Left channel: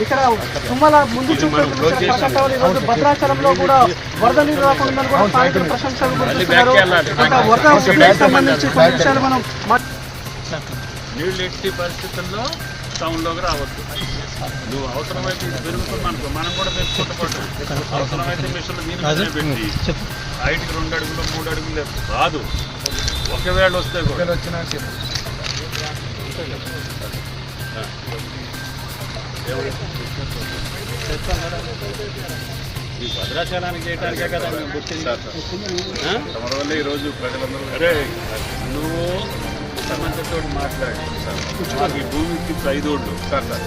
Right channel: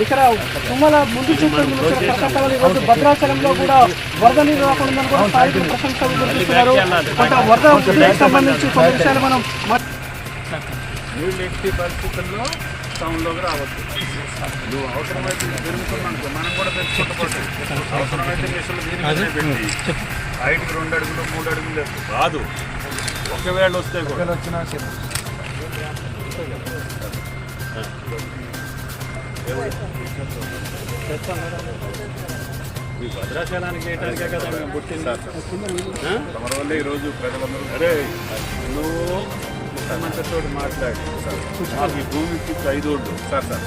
ఇక్కడ తుమ్మల ముందు చూపు భద్రాచలంలో కూడా వరద నీరు రాకుండా కూడా స్థానికులు ప్రశంసలు కురిపిస్తున్నారు. ఇంకా వరద సంబంధించి కొన్ని విషయాలు మనం మా- నీళ్ళు ఎట్టి పరిస్థితుల్లో టౌన్లోకి రావద్దు. నువ్వు అవసరమైతే పెరుగుతున్నాం అనుకో. మనం కూడా పెంచుకుంటూ అవసరమైతే మిషన్లు దీని పెట్టి హైట్కి రెండు అడుగులు మూడు అడుగులు. రాదు. ఒకవేళ వస్తే కూడా. భద్రాచలానికి చేయడానికే కదా మేము పుట్టింది. ఆ? తమర వల్ల ఈరోజు ప్రజలందరూ అరే నువ్వు ముఖ్యమంత్రితో మాట్లాడి మాకు ఈ భూమి ఇచ్చి ఐదోళ్ళు సార్ సార్.